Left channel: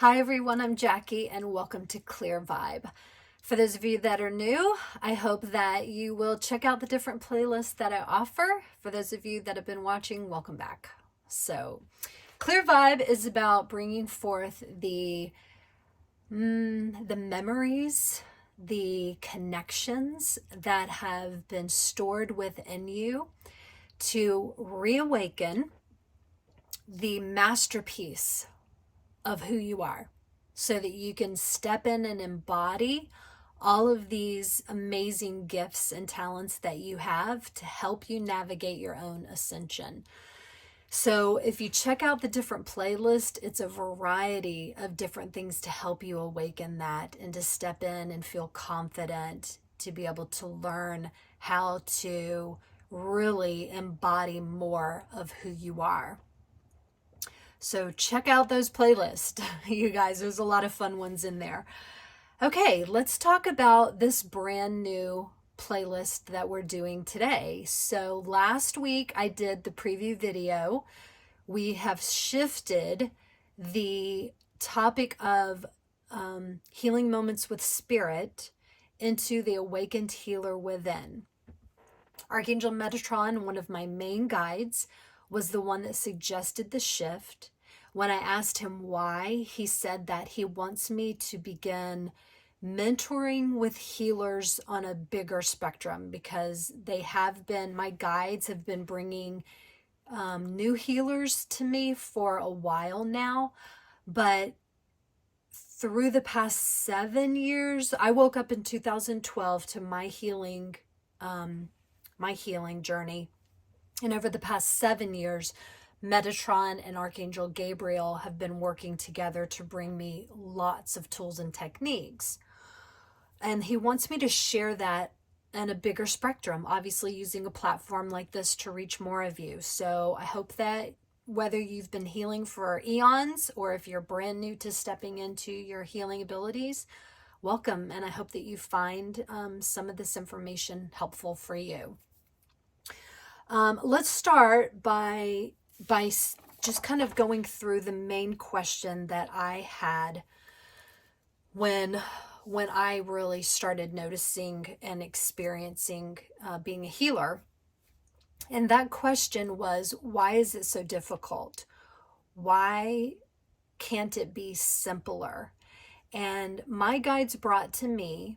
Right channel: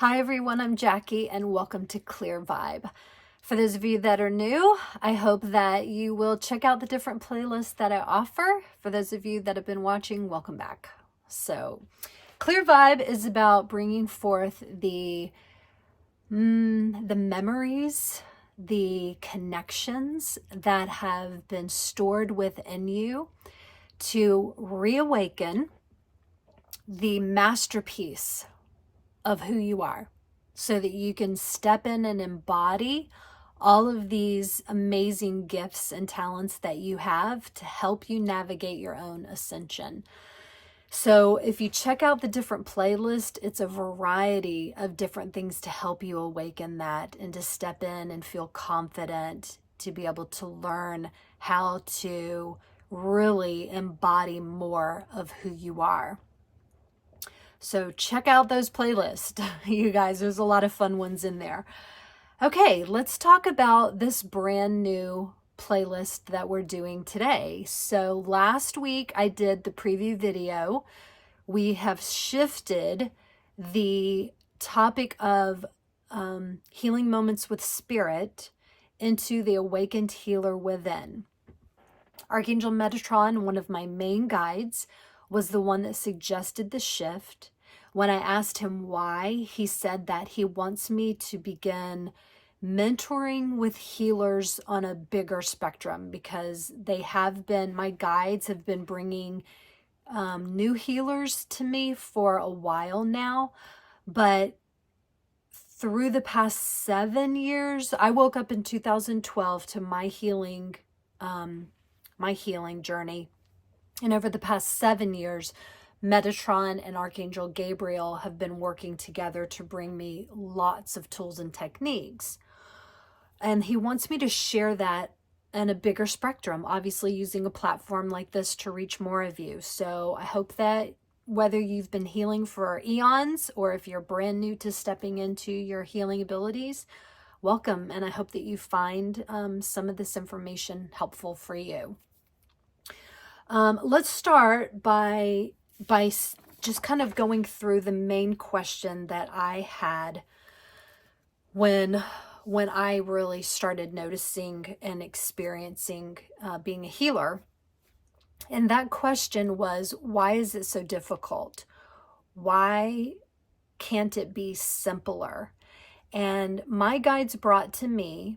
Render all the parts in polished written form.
Hi everyone, I'm Jackie and welcome to ClearVibe. For those of you that are new, I hope that you will check out the different playlists that I offer. For those of you that have been watching, welcome back. So ClearVibe is about bringing forth the memories, the connections that have been stored within you to reawaken the masterpiece of who you are so that you can step in and embody all of these amazing gifts and talents that you have to help you navigate your own ascension. So if you check out the different playlist, it's a variety of different things to help you awaken that and to step in and feel confident to be able to learn how to really embody more of who you are. So check out those playlists, you guys. There's a lot of fun ones in there. Okay, let's talk about this brand new playlist that we're doing today. So last week I did the preview video. We have shifted the topic of healing moments with spirit into the awakened healer within. Archangel Metatron, one of my main guides, was the one that suggested the shift. When I asked him why, he said that he wants me to begin mentoring with healers on a bigger spectrum because my guides have been bringing new healers to me for a while now. But through the past 7 years, I woke up in 2012 to my healing journey. And over the past 7 years, Metatron and Archangel Gabriel have been working together to bring me lots of tools and techniques. And he wants me to share that in a bigger spectrum, obviously using a platform like this to reach more of you. So I hope that whether you've been healing for eons or if you're brand new to stepping into your healing abilities, welcome. And I hope that you find some of this information helpful for you. Let's start by just kind of going through the main question that I had when I really started noticing and experiencing being a healer. And that question was, why is it so difficult? Why can't it be simpler? And my guides brought to me,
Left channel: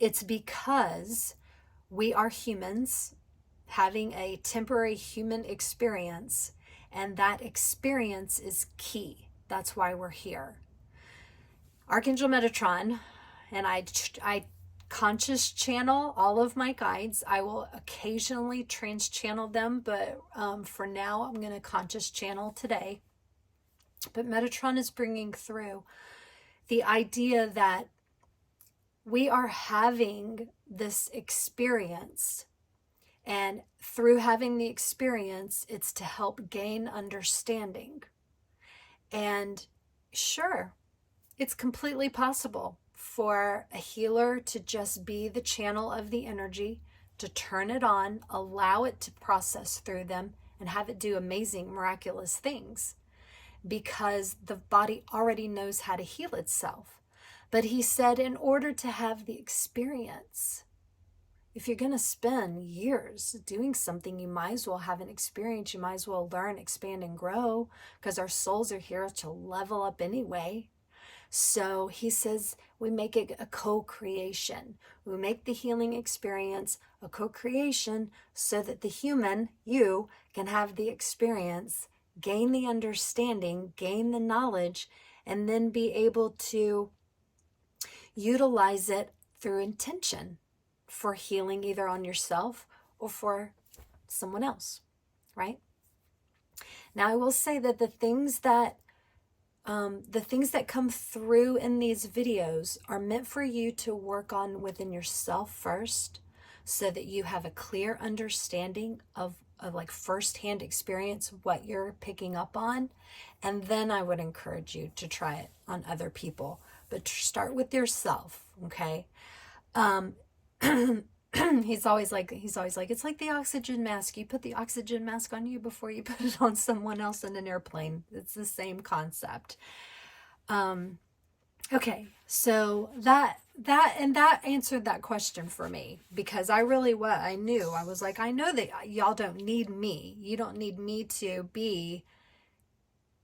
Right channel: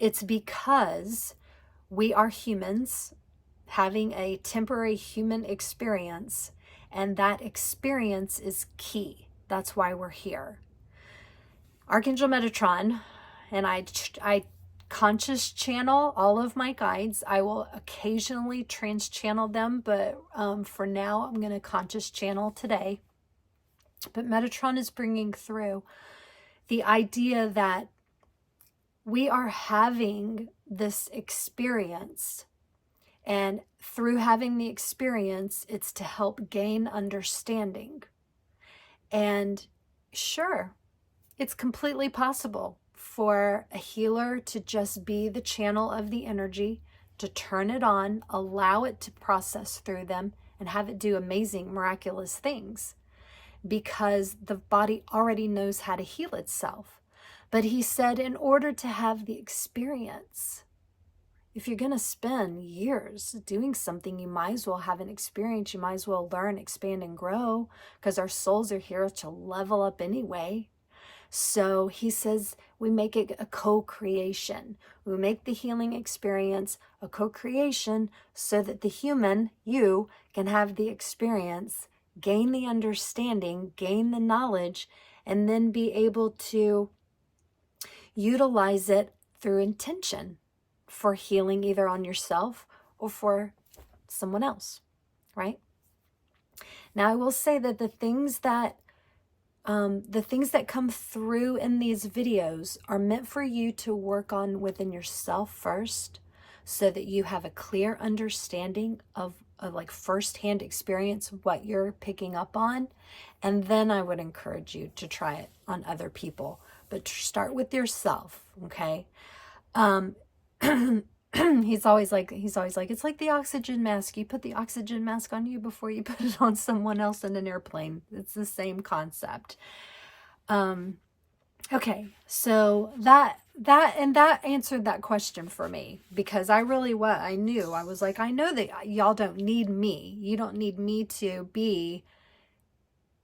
it's because we are humans having a temporary human experience, and that experience is key. That's why we're here. Archangel Metatron and I conscious channel all of my guides. I will occasionally trans channel them, but for now I'm going to conscious channel today. But Metatron is bringing through the idea that we are having this experience. And through having the experience, it's to help gain understanding. And sure, it's completely possible for a healer to just be the channel of the energy, to turn it on, allow it to process through them, and have it do amazing, miraculous things. Because the body already knows how to heal itself. But he said, in order to have the experience, if you're going to spend years doing something, you might as well have an experience. You might as well learn, expand, and grow, because our souls are here to level up anyway. So he says we make it a co-creation. We make the healing experience a co-creation so that the human, you, can have the experience, gain the understanding, gain the knowledge, and then be able to utilize it through intention for healing either on yourself or for someone else, right? Now, I will say that the things that come through in these videos are meant for you to work on within yourself first, so that you have a clear understanding of like firsthand experience of what you're picking up on. And then I would encourage you to try it on other people, but start with yourself, okay? He's always like, it's like the oxygen mask. You put the oxygen mask on you before you put it on someone else in an airplane. It's the same concept. Okay, so that answered that question for me, because I really I knew, I was like, I know that y'all don't need me. You don't need me to be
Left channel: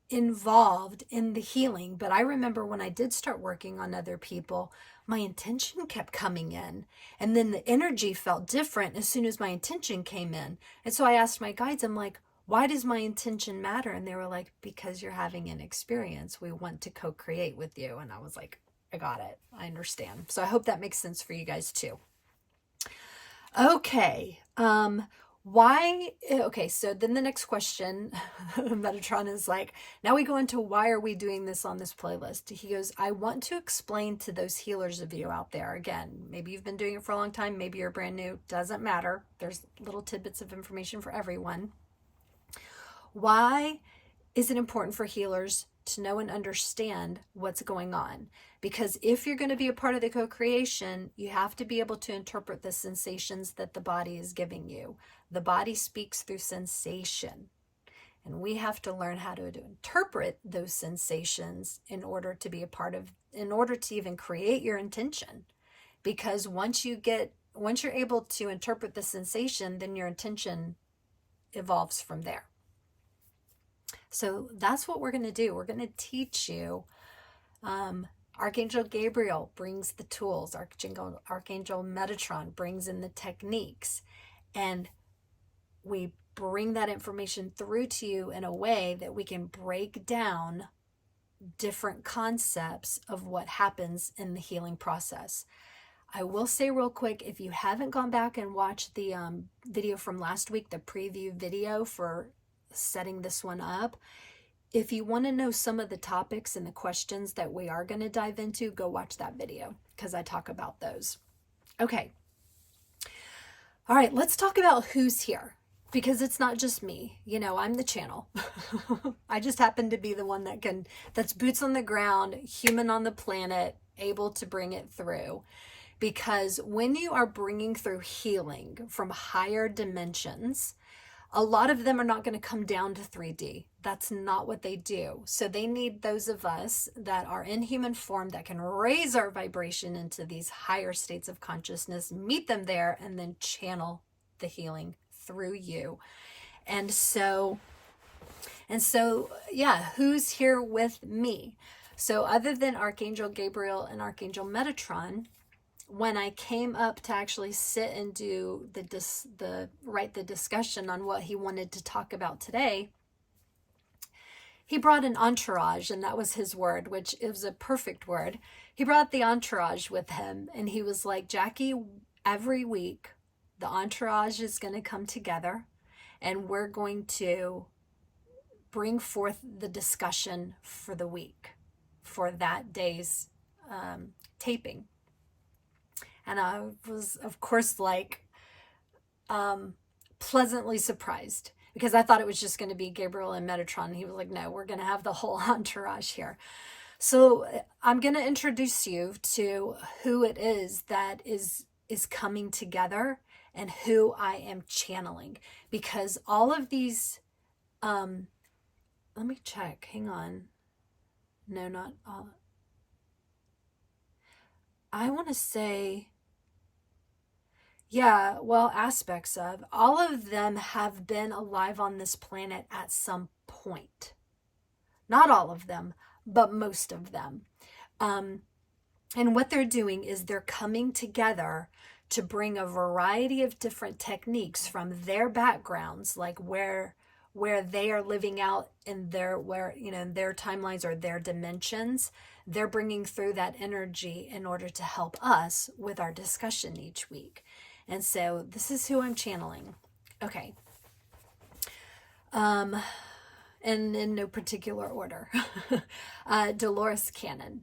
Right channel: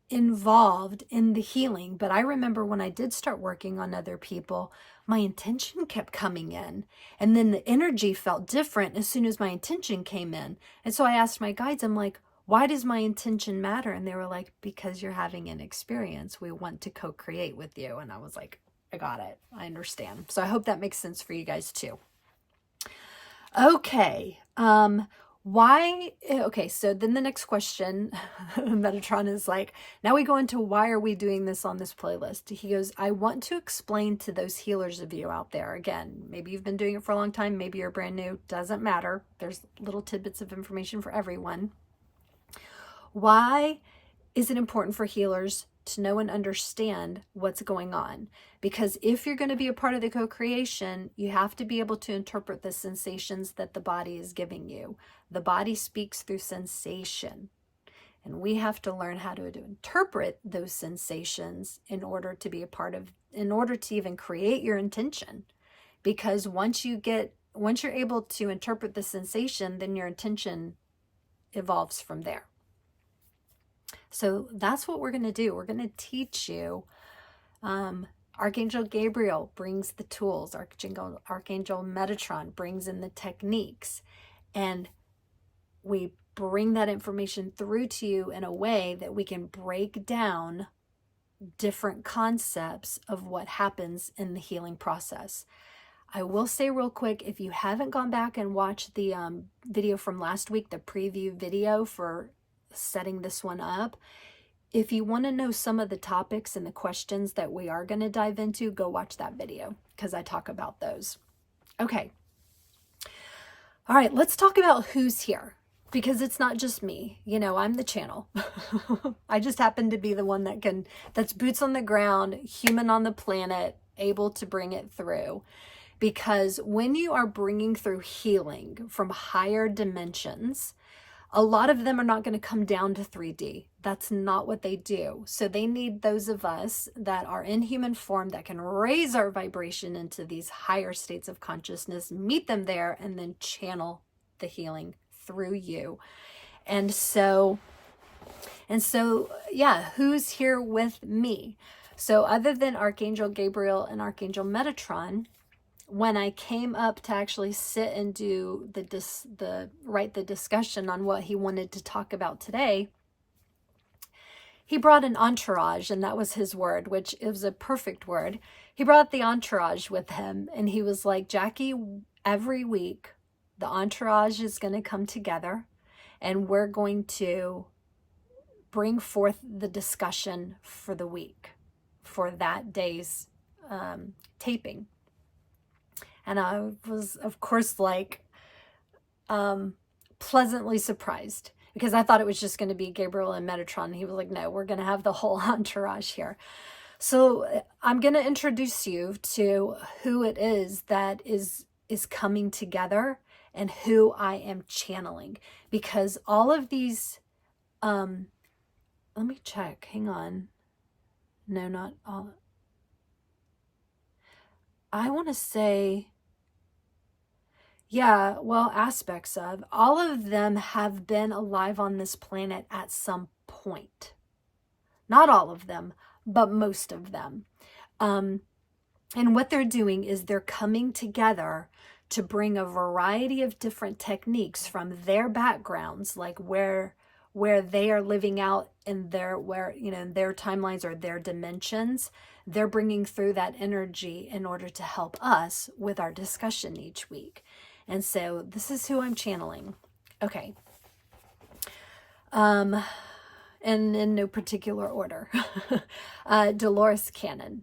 involved in the healing. But I remember when I did start working on other people, my intention kept coming in, and then the energy felt different as soon as my intention came in. And so I asked my guides, I'm like, why does my intention matter? And they were like, because you're having an experience. We want to co-create with you. And I was like, I got it. I understand. So I hope that makes sense for you guys too. Okay. Okay, so then the next question, Metatron is like, now we go into why are we doing this on this playlist? He goes, I want to explain to those healers of you out there, again, maybe you've been doing it for a long time, maybe you're brand new, doesn't matter. There's little tidbits of information for everyone. Why is it important for healers to know and understand what's going on? Because if you're going to be a part of the co-creation, you have to be able to interpret the sensations that the body is giving you. The body speaks through sensation, and we have to learn how to interpret those sensations in order to be a part of, in order to even create your intention. Because once you're able to interpret the sensation, then your intention evolves from there. So that's what we're going to do. We're going to teach you. Archangel Gabriel brings the tools. Archangel Metatron brings in the techniques. And we bring that information through to you in a way that we can break down different concepts of what happens in the healing process. I will say real quick, if you haven't gone back and watched the video from last week, the preview video for setting this one up, if you want to know some of the topics and the questions that we are going to dive into, go watch that video, because I talk about those. Okay. All right, let's talk about who's here, because it's not just me. You know, I'm the channel. I just happen to be the one that's boots on the ground, human on the planet, able to bring it through. Because when you are bringing through healing from higher dimensions, a lot of them are not going to come down to 3D. That's not what they do. So they need those of us that are in human form that can raise our vibration into these higher states of consciousness, meet them there, and then channel the healing through you. And so, yeah, who's here with me? So other than Archangel Gabriel and Archangel Metatron, when I came up to actually sit and do write the discussion on what he wanted to talk about today, he brought an entourage, and that was his word, which it was a perfect word. He brought the entourage with him, and he was like, Jackie, every week the entourage is going to come together, and we're going to bring forth the discussion for the week, for that day's taping. And I was, of course, like pleasantly surprised, because I thought it was just going to be Gabriel and Metatron. He was like, no, we're going to have the whole entourage here. So I'm going to introduce you to who it is that is coming together and who I am channeling. Because all of these, let me check. Hang on. No, not all. I want to say, yeah, well, aspects of all of them have been alive on this planet at some point. Not all of them, but most of them. And what they're doing is they're coming together to bring a variety of different techniques from their backgrounds, like where they are living out in their timelines or their dimensions. They're bringing through that energy in order to help us with our discussion each week. And so this is who I'm channeling. Okay. And in no particular order. Dolores Kahn.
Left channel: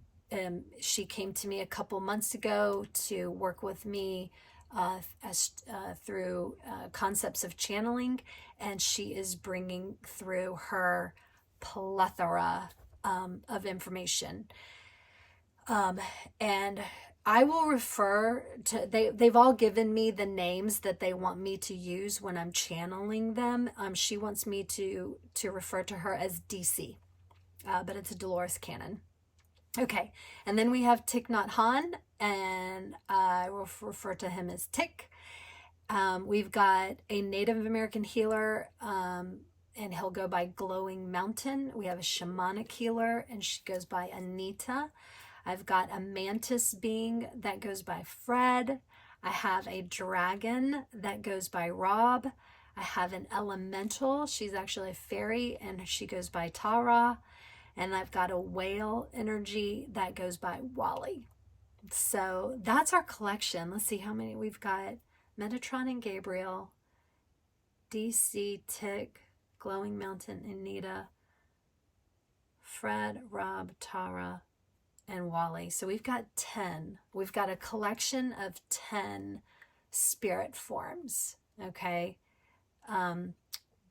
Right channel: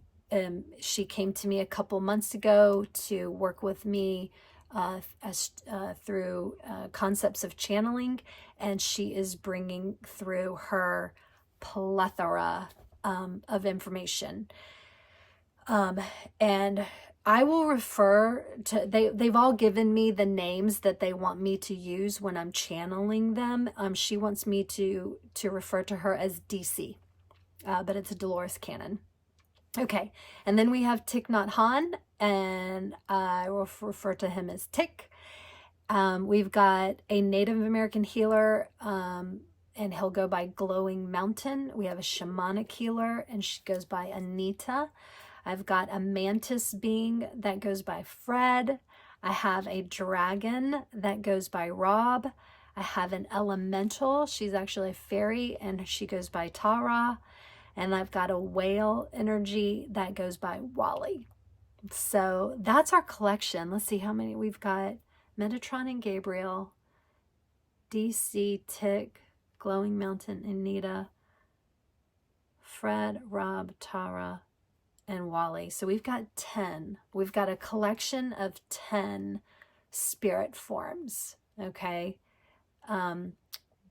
She came to me a couple months ago to work with me through concepts of channeling, and she is bringing through her plethora of information. And I will refer to, they've all given me the names that they want me to use when I'm channeling them. She wants me to refer to her as DC, but it's a Dolores Kahn. Okay, and then we have Thich Nhat Hanh, and I will refer to him as Thich. We've got a Native American healer, and he'll go by Glowing Mountain. We have a shamanic healer, and she goes by Anita. I've got a mantis being that goes by Fred. I have a dragon that goes by Rob. I have an elemental. She's actually a fairy, and she goes by Tahrah. And I've got a whale energy that goes by Wally. So that's our collection. Let's see how many we've got. Metatron and Gabriel, DC, Thich, Glowing Mountain, Anita, Fred, Rob, Tahrah, and Wally. So we've got 10. We've got a collection of 10 spirit forms, okay?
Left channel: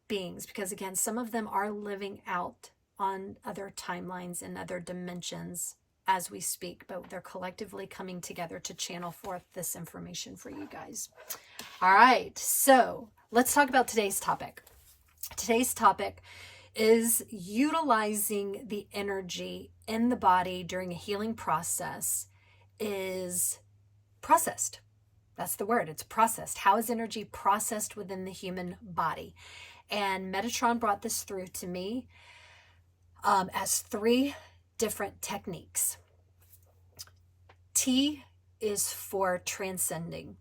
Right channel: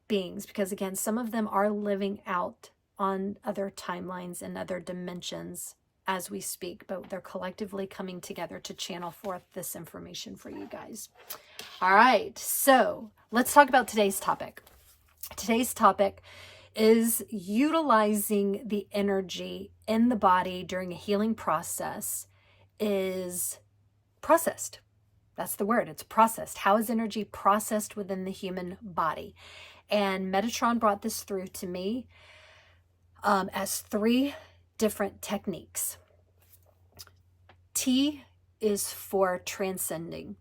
Beings, because again, some of them are living out on other timelines and other dimensions as we speak, but they're collectively coming together to channel forth this information for you guys. All right, so let's talk about today's topic. Today's topic is utilizing the energy in the body during a healing process is processed. That's the word, it's processed. How is energy processed within the human body? And Metatron brought this through to me as 3 different techniques. T is for transcending,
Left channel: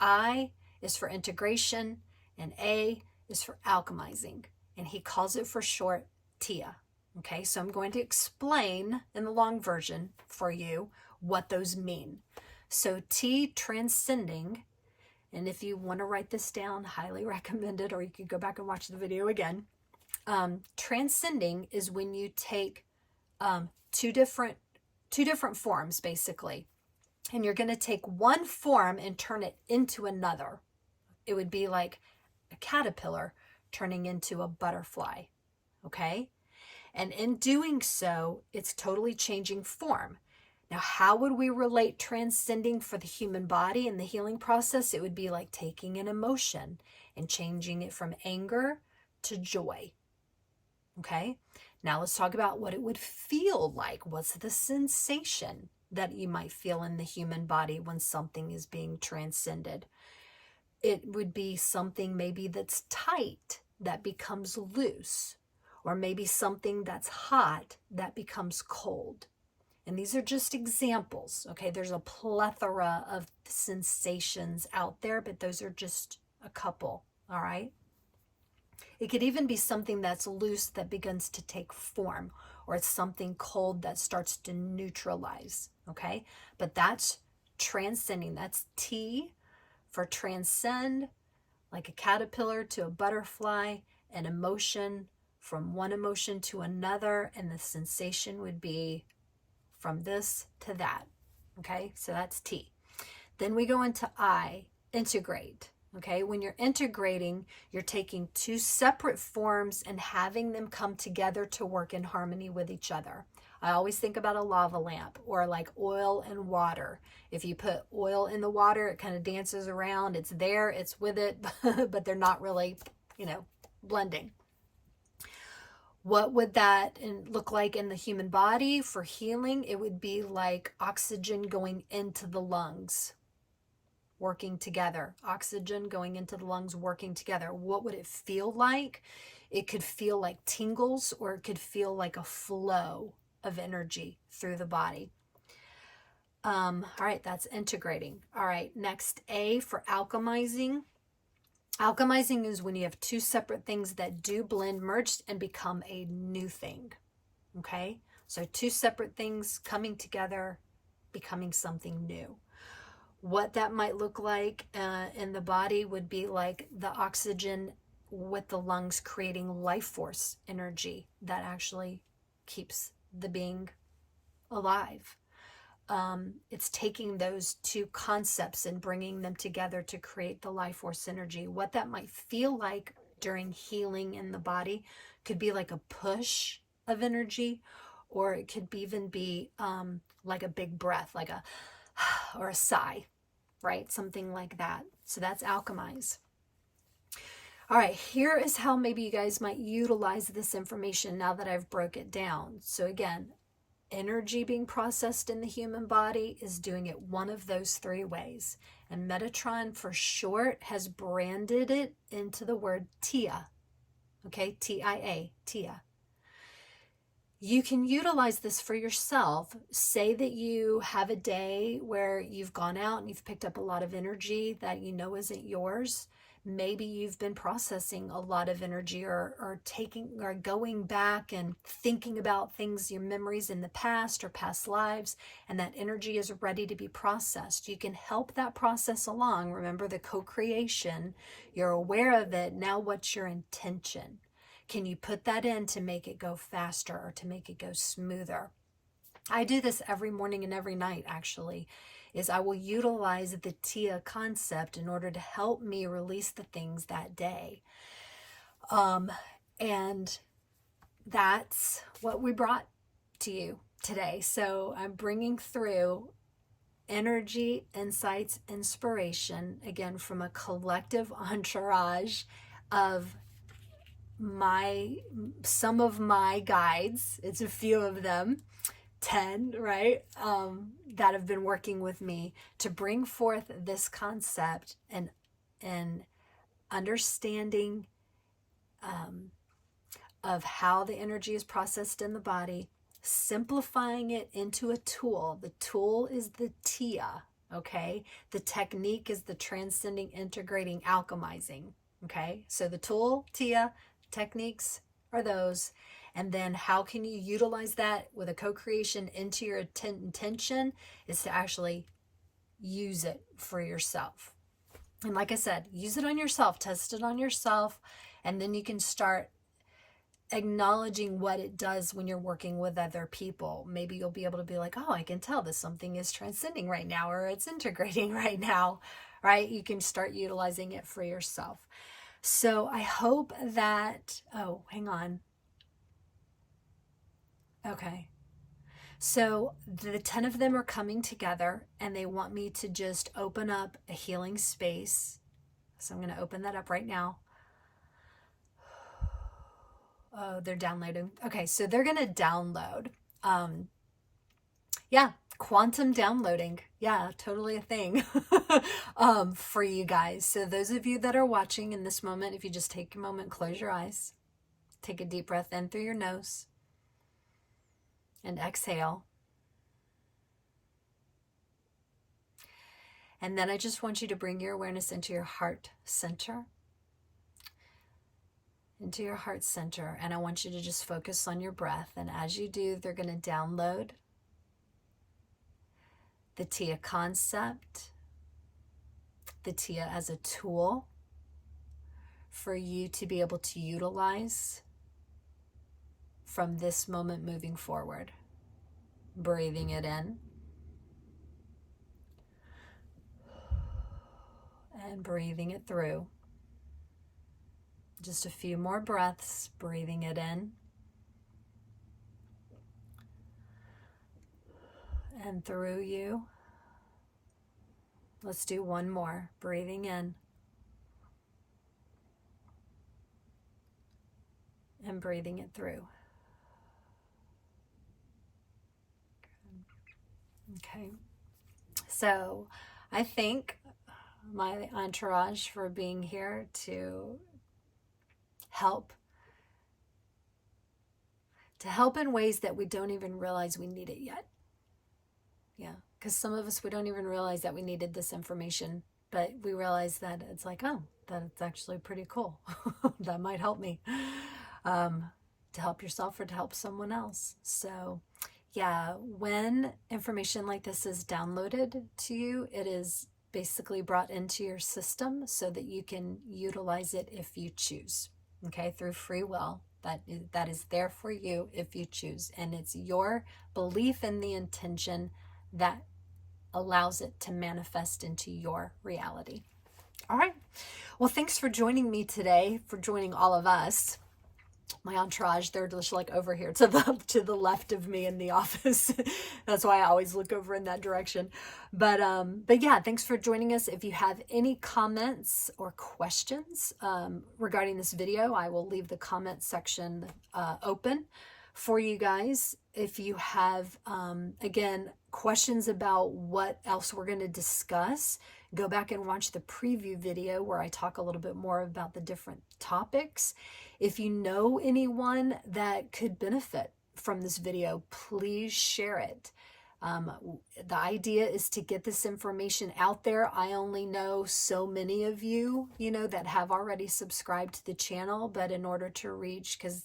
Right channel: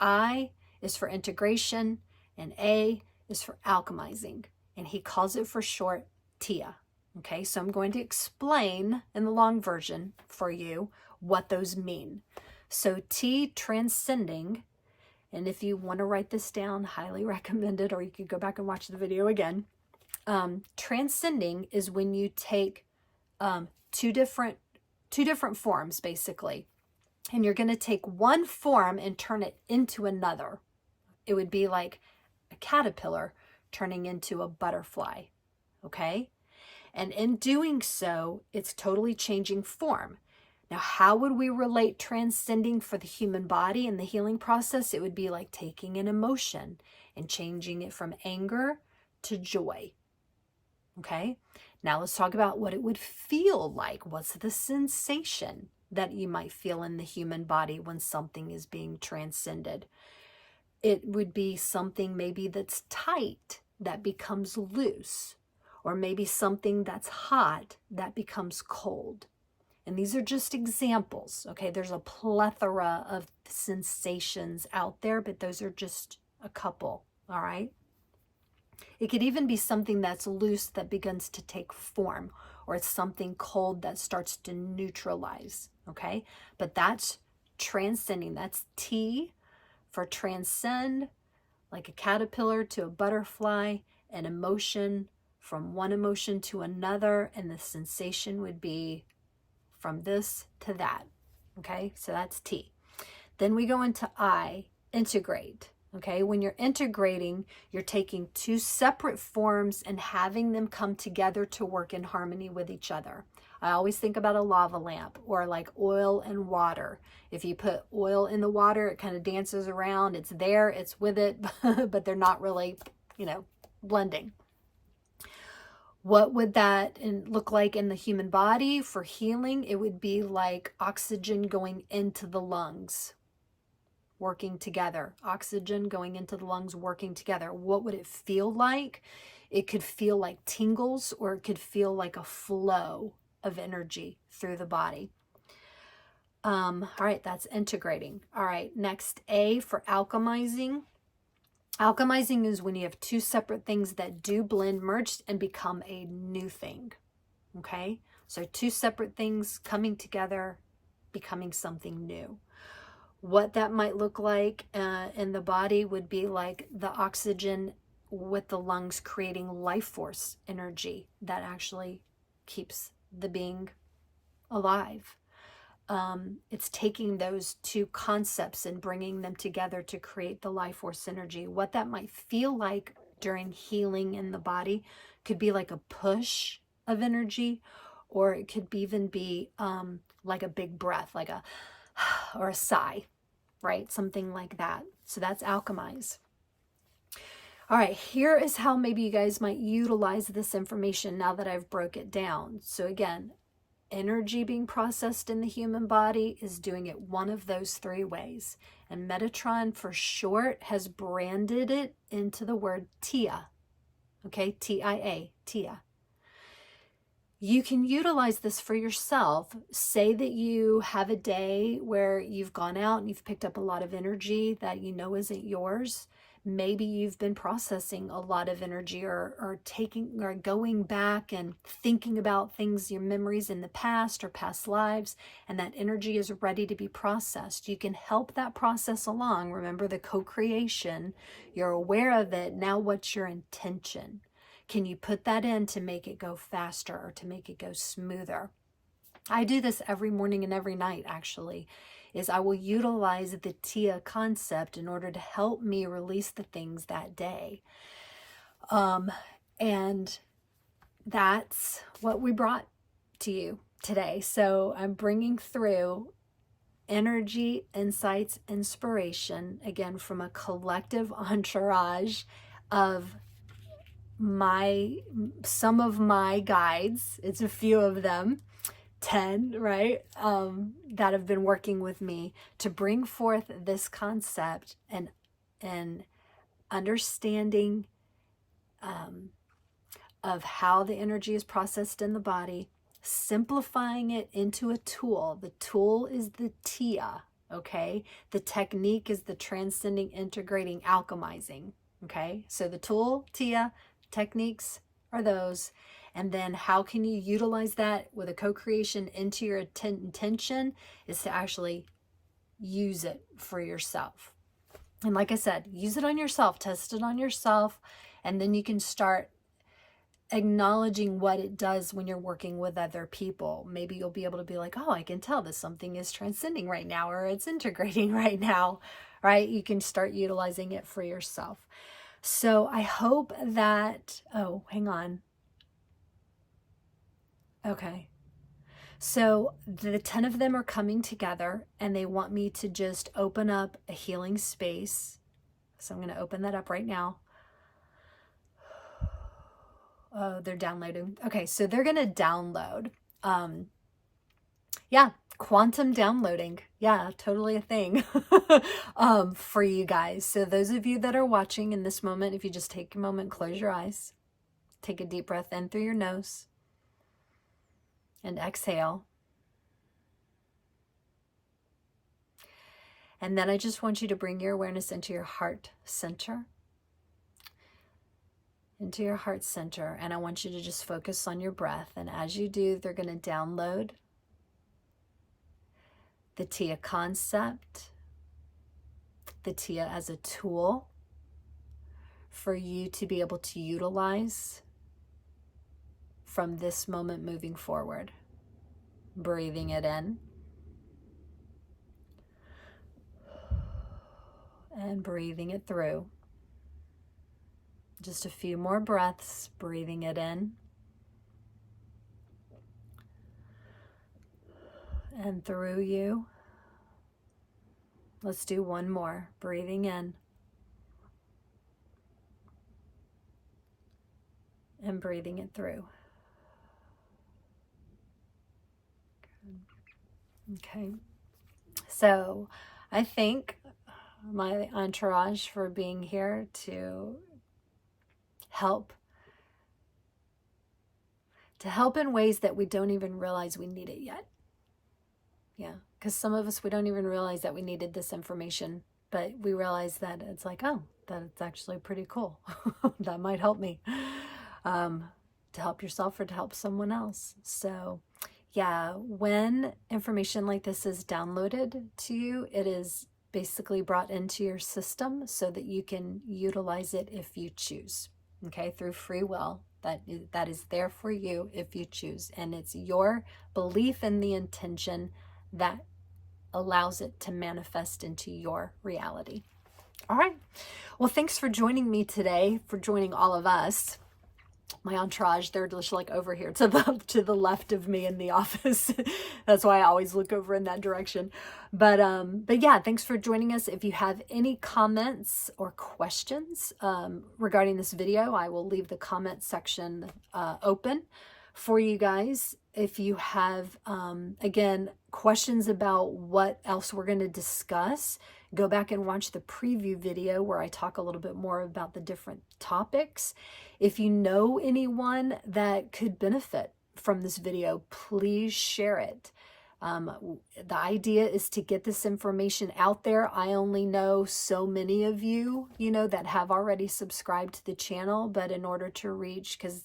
I is for integration, and A is for alchemizing, and he calls it for short Tia. Okay, so I'm going to explain in the long version for you what those mean. So T, transcending, and if you want to write this down, highly recommend it, or you could go back and watch the video again. Transcending is when you take two different forms, basically, and you're going to take one form and turn it into another. It would be like a caterpillar turning into a butterfly, okay? And in doing so, it's totally changing form. Now, how would we relate transcending for the human body in the healing process? It would be like taking an emotion and changing it from anger to joy. Okay, now let's talk about what it would feel like. What's the sensation that you might feel in the human body when something is being transcended? It would be something maybe that's tight that becomes loose, or maybe something that's hot that becomes cold. And these are just examples, okay? There's a plethora of sensations out there, but those are just a couple, all right? It could even be something that's loose that begins to take form, or it's something cold that starts to neutralize, okay? But that's transcending. That's T for transcend, like a caterpillar to a butterfly, an emotion from one emotion to another, and the sensation would be from this to that, okay? So that's T. Then we go into I, integrate. Okay, when you're integrating, you're taking 2 separate forms and having them come together to work in harmony with each other. I always think about a lava lamp, or like oil and water. If you put oil in the water, it kind of dances around. It's there, it's with it, but they're not really, blending. What would that look like in the human body for healing? It would be like oxygen going into the lungs, working together. Oxygen going into the lungs, working together. What would it feel like? It could feel like tingles, or it could feel like a flow of energy through the body. All right, that's integrating. All right, next, A for alchemizing. Alchemizing is when you have 2 separate things that do blend, merge, and become a new thing. Okay, so 2 separate things coming together, becoming something new. What that might look like in the body would be like the oxygen with the lungs creating life force energy that actually keeps the being alive. It's taking those 2 concepts and bringing them together to create the life force energy. What that might feel like during healing in the body could be like a push of energy, or it could even be like a big breath, like a or a sigh, right? Something like that. So that's alchemize. All right, here is how maybe you guys might utilize this information now that I've broke it down. So again, energy being processed in the human body is doing it one of those three ways. And Metatron, for short, has branded it into the word TIA. Okay, TIA, TIA. You can utilize this for yourself. Say that you have a day where you've gone out and you've picked up a lot of energy that you know isn't yours. Maybe you've been processing a lot of energy or going back and thinking about things, your memories in the past or past lives, and that energy is ready to be processed. You can help that process along. Remember the co-creation. You're aware of it. Now what's your intention? Can you put that in to make it go faster or to make it go smoother? I do this every morning and every night, actually. Is I will utilize the TIA concept in order to help me release the things that day. And that's what we brought to you today. So I'm bringing through energy, insights, inspiration, again, from a collective entourage of some of my guides. It's a few of them. 10, right, that have been working with me to bring forth this concept and understanding of how the energy is processed in the body, simplifying it into a tool. The tool is the TIA, okay? The technique is the transcending, integrating, alchemizing, okay? So the tool, TIA, techniques are those. And then how can you utilize that with a co-creation into your intention is to actually use it for yourself. And like I said, use it on yourself, test it on yourself, and then you can start acknowledging what it does when you're working with other people. Maybe you'll be able to be like, oh, I can tell that something is transcending right now, or it's integrating right now, right? You can start utilizing it for yourself. So I hope that, oh, hang on. Okay, so the 10 of them are coming together and they want me to just open up a healing space. So I'm going to open that up right now. Oh, they're downloading. Okay, so they're going to download. Yeah, quantum downloading. Yeah, totally a thing for you guys. So those of you that are watching in this moment, if you just take a moment, close your eyes, take a deep breath in through your nose. And exhale. And then I just want you to bring your awareness into your heart center. Into your heart center. And I want you to just focus on your breath. And as you do, they're going to download the TIA concept, the TIA as a tool for you to be able to utilize from this moment moving forward. Breathing it in and breathing it through. Just a few more breaths, breathing it in and through you. Let's do one more, breathing in and breathing it through. Okay, so I thank my entourage for being here to help in ways that we don't even realize we need it yet. Yeah, because some of us, we don't even realize that we needed this information, but we realize that it's like, oh, that it's actually pretty cool. That might help me to help yourself or to help someone else. So yeah, when information like this is downloaded to you, it is basically brought into your system so that you can utilize it if you choose, okay, through free will. That is there for you if you choose. And it's your belief in the intention that allows it to manifest into your reality. All right. Well, thanks for joining me today, for joining all of us. My entourage, they're just like over here to the left of me in the office. That's why I always look over in that direction. But yeah, thanks for joining us. If you have any comments or questions regarding this video, I will leave the comment section open for you guys. If you have, again, questions about what else we're going to discuss, go back and watch the preview video where I talk a little bit more about the different topics. If you know anyone that could benefit from this video, please share it. The idea is to get this information out there. I only know so many of you, that have already subscribed to the channel, but in order to reach, because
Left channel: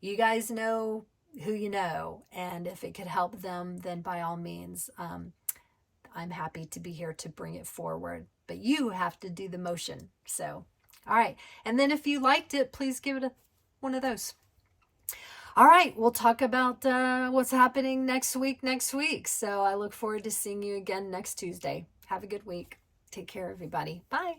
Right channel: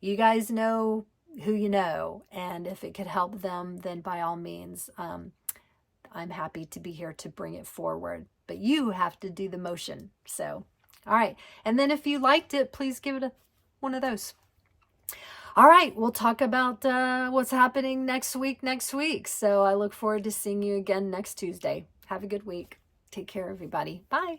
you guys know who you know, and if it could help them, then by all means, I'm happy to be here to bring it forward. But you have to do the motion. So, all right. And then if you liked it, please give it one of those. All right, we'll talk about what's happening next week. So I look forward to seeing you again next Tuesday. Have a good week. Take care, everybody. Bye.